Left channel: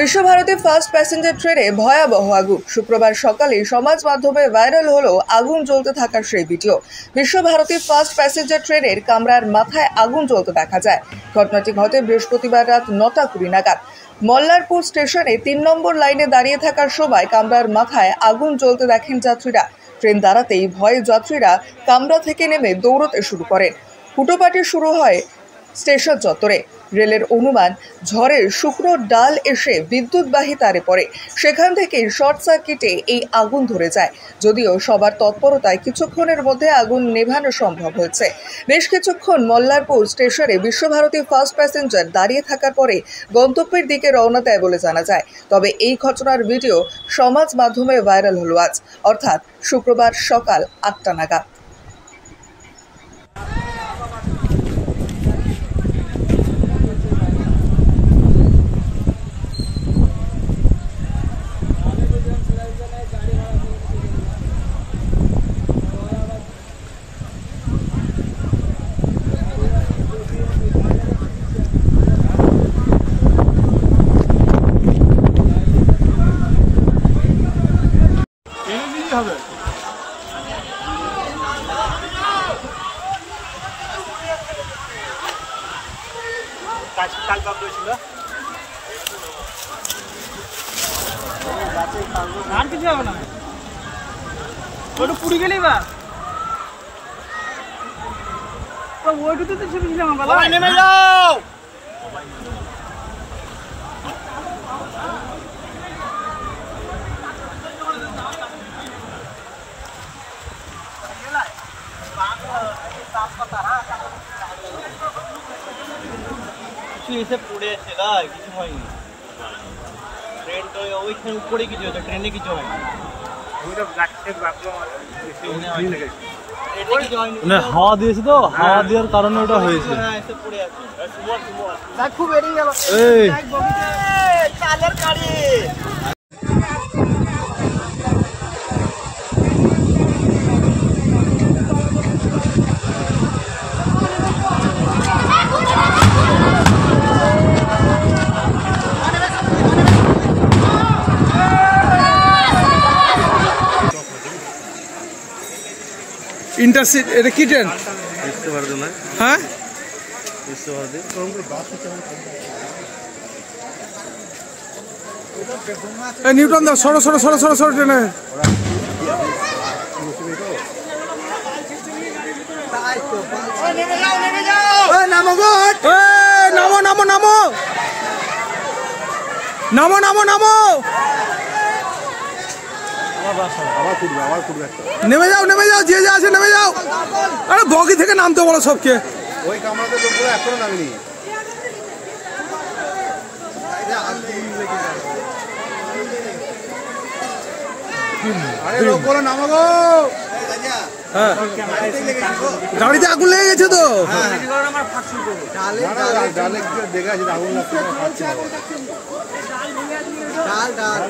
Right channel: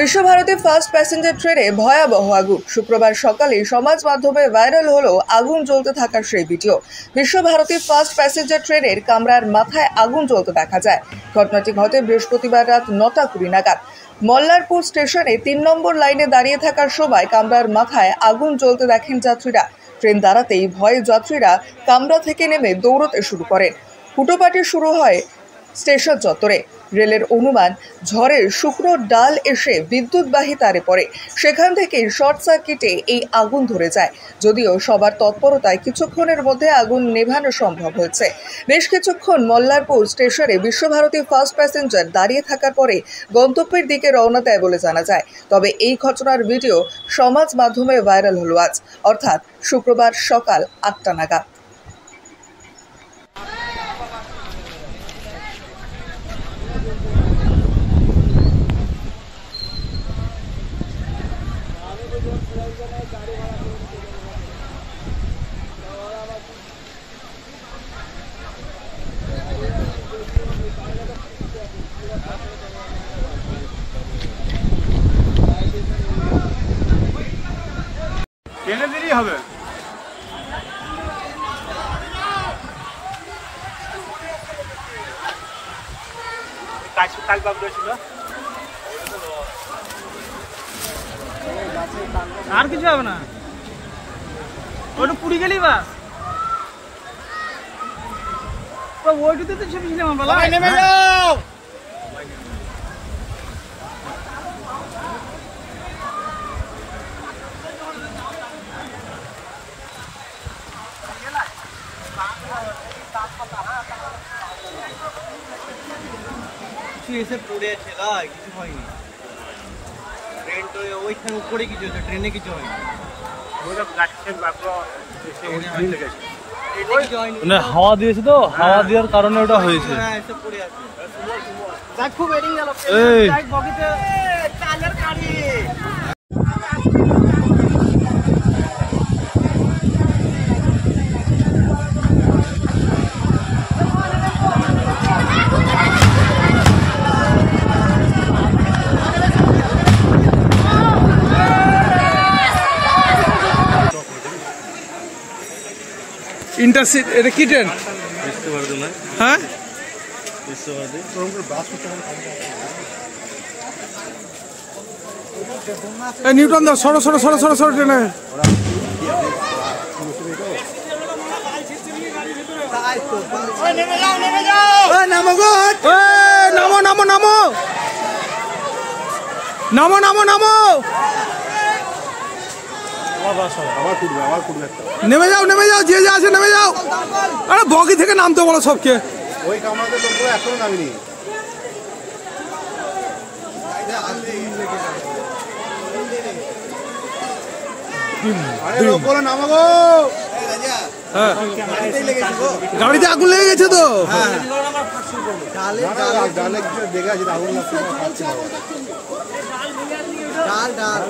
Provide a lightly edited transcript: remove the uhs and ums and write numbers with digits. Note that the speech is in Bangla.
বিশ্বভারতী ফার্স্ট প্যাসেঞ্জার ট্রেনে ভয়াবহ আগুন। শুক্রবার সকালে সমাজ মাধ্যমে ভাইরাল হলো আগুন জ্বলতে থাকার সেই ভিডিও। বিশ্বভারতী ফার্স্ট প্যাসেঞ্জার ট্রেনের কামরার মাথায় আগুন জ্বলতে দেখা যায়। ঘটনাটি ঘটে বৃহস্পতিবার রাত 9:20 নাগাদ। মল্লারপুর স্টেশনে 3 নম্বর লাইনে দাঁড়িয়ে থাকার সময় কামরার মাথায় আগুন জ্বলতে দেখেন যাত্রীরা। ট্রেন দাঁড়াতেই ভয়ে যাত্রীরা কামরা থেকে নেমে দৌড়তে শুরু করেন। হুটোপাটি শুরু হয় স্টেশন চত্বরে। রেলের অনুমান, ঝড়ের শুকনো ডাল এসে বিদ্যুৎবাহী তারে পড়ে, সেখান থেকে শর্ট সার্কিটে এই আগুন ধরে যায়। যদিও সবার তৎপরতায় কিছুক্ষণের মধ্যে আগুন নেভানো সম্ভব হয়েছে। বেশ কিছুক্ষণ মল্লারপুর স্টেশনে বিশ্বভারতী ফার্স্ট প্যাসেঞ্জার দাঁড়িয়ে থাকার পরে গন্তব্যের দিকে রওনা দেয় বলে জানা যায়। তবে এই ঘটনার ভিডিও সমাজ মাধ্যমে ভাইরাল হলো আজ, অর্থাৎ শুক্রবার সকাল 8টা নাগাদ। ট্রেনে দেরি হবে। আর কিছু হবে না, ওটা পুড়ে গেলেই বা ওইটুতে তো ছিলাম। নেমে যাও। এসে পড়ে এসে কিছু হয়নি। ট্রেন তো ওইখানে উপরে কিছু হয়েছে, ট্রেনে কিছু হয়নি। হাওয়া দিয়েছে তো, হাওয়া দেওয়ার কারণে ওটা হয়েছে। খুব এরিং গেল চালের গাড়ি। ইন্টারসিটি এটা কি ট্রেন? হ্যাঁ, নিউটন দাও, সরো সরো সরো সরো সরো ট্রেনে। নামো গো, নামো নামো নামো নামো নামো নামো, নেমে যাও নেমে যাও, যে আছে নেমে যাও। আরে বগি থেকে নামতে বলো সবকে। ওই কামরাতে লোক এখনো নামেনি। গাড়িতে আগুন লেগে গেছে তো। ডাল ডাল